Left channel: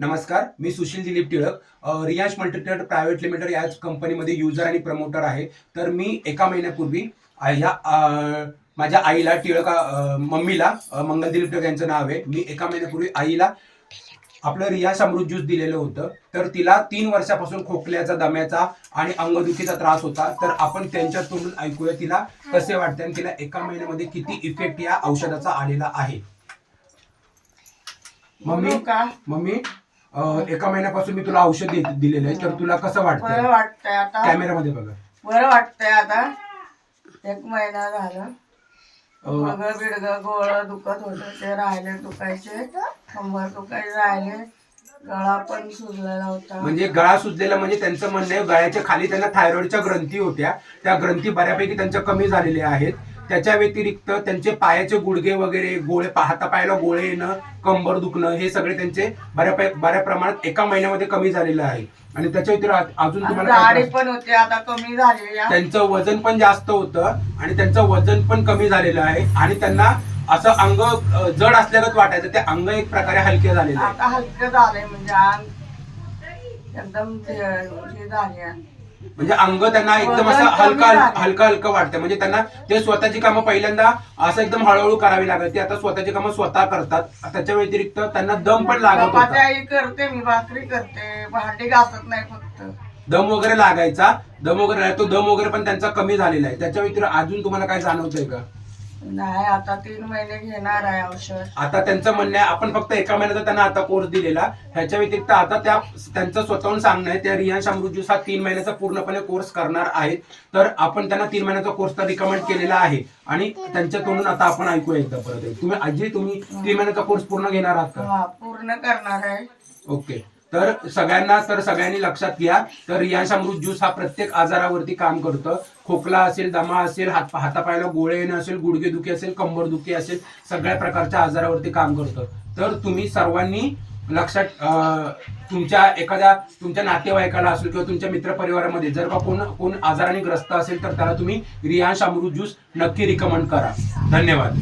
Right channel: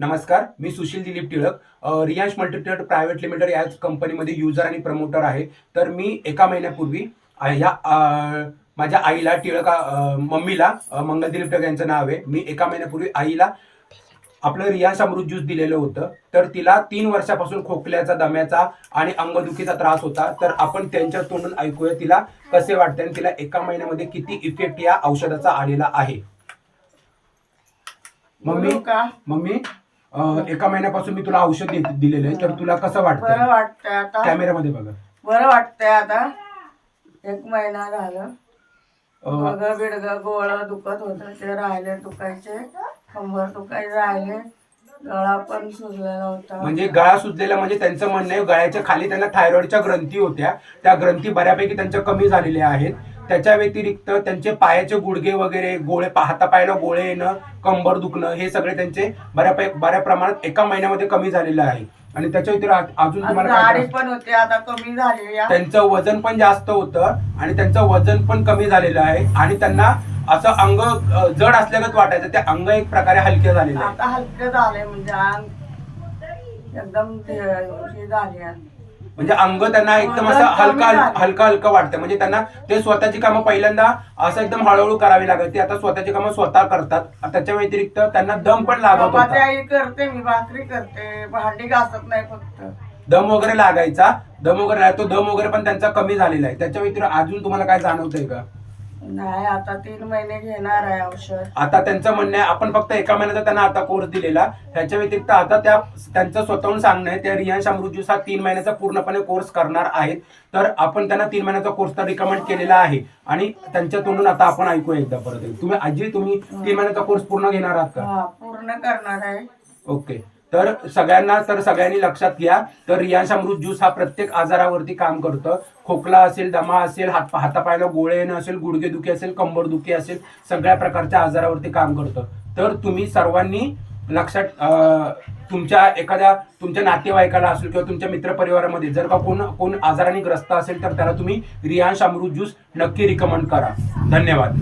नमस्कार, मी Sushil Dilip Tilak. Riyansh Multitrade private limited या कंपनीमध्ये युजर आणि प्रमोटर आहे. तर मी एका महिन्यापूर्वी माझ्या आईला मम्मीला मंगल दिलीप टिळक यांचं नाव आहे. मी एका महिन्यापूर्वी आईला आपलं रियांश अमृत ज्यूस दिलेलं होतं. तर तिला 3 वर्षापासून खोकल्याचा, दम्याचा आणि अंगदुखीचा त्रास होता. तर आपण त्यांच्या तोंडून ऐकूया तिला कसे वाटते आणि तिला एका महिन्यामध्ये किती इफेक्ट या औषधाचा आलेला आहे. मम्मी, एका महिन्यापासून मी तुला औषध दिलेलं आहे, तर तुला कसं वाटतं? बरं वाटतंय आता. कॅमेरामध्ये बघा. बरं वाटतंय आता. 1 महिना झालं. गुडघं बिडघं गोळं दुखत होतं ते राहिले दुखायचे, कंबर दुखायचे राहिले, गळा पण सुजलेला होता. म्हणजे गळा सुजलेला म्हणजे त्यांचं म्हणणं आहे गळ्याच्या खाली त्यांना थायरॉइडच्या ग्रंथी होत्या, त्या ग्रंथी बऱ्यापैकी त्यांच्या कमी झालेल्या आहेत. त्याच्या व्यतिरिक्त त्यांचे पायाचे गुडघे वगैरे, गोळे, हातापायाला गोळे येणं, कंबर दुखणं, हे सगळे त्यांचे बऱ्या प्रमाणात एका महिन्यामध्ये कमी झालेलं आहे. आणि त्याच्या व्यतिरिक्त अजून तुम्हाला दाढी पण होती आता कमी झाली. त्यांचं वजन पण जास्त होतं आणि त्यांचं वजन पण कमी झालेलं आहे आणि त्यांना असं अंग जड असल्यागत वाटायचं, ते अंग एक प्रकारे हलके झालेले आहे. आता हलके झाले म्हणजे अंग एकदम हे झाले. म्हणजे अंग त्यांना एकदम असं हलका वाटतं. म्हणजे त्यांना ते स्वतःची कामं पहिल्यांदा असं एकदम हळूहळू करावी लागत, ते आता स्वतःची कामं स्वतः करतात. त्याच्या व्यतिरिक्त त्यांना दम पण लागत होता. करते मी, भाकरी करते, भांडी घासत नाही फक्त. दम वगैरे लागायचा, तो दम वगैरे पण त्यांचा कमी झालेला आहे. त्याच्या व्यतिरिक्त अजून तुम्हाला काय जाणवतंय का? नाही, आता 3 महिने घेणार आहे औषध. आता त्यांचं म्हणणं आहे आपण फक्त एका महिन्याचा त्यांना आता कोर्स दिलेला. ह्याच्या व्यतिरिक्त आता त्यांचं स्वतःहून सांगणं आहे त्या रियांश अमृत ज्यूस हा 3 महिन्याचा पूर्णपणे कोर्स करणार आहेत. तर आपण त्यांना 3 महिन्याचा कोर्स तर रिकमेंड केलेला आहे आणि त्यांच्या तोंडून आता आपण ऐकूया एकदा परत. तुम्ही 3 महिन्याचा कोर्स पूर्ण घेणार आहात का? पूर्ण करणार आहे. ओके. तर सगळ्यांनी लक्षात घ्या, तर रियांश अमृत ज्यूस हा प्रत्येक आजारावरती काम करतं. खोकला असेल, दमा असेल, हातापायाला गोळे येणं असेल, गुडघेदुखी असेल, कंबरदुखी असेल, सगळ्या प्रकारच्या आजारावरती काम करतं. तर तुम्ही सर्वांनी लक्षात, तुमच्या नातेवाईकाला असेल किंवा तुमच्या मित्रपरिवारामध्ये जर का कोण आजाराने ग्रस्त असेल तर त्याला तुम्ही रियांश अमृत ज्यूस नक्की रिकमेंड करा. धन्यवाद.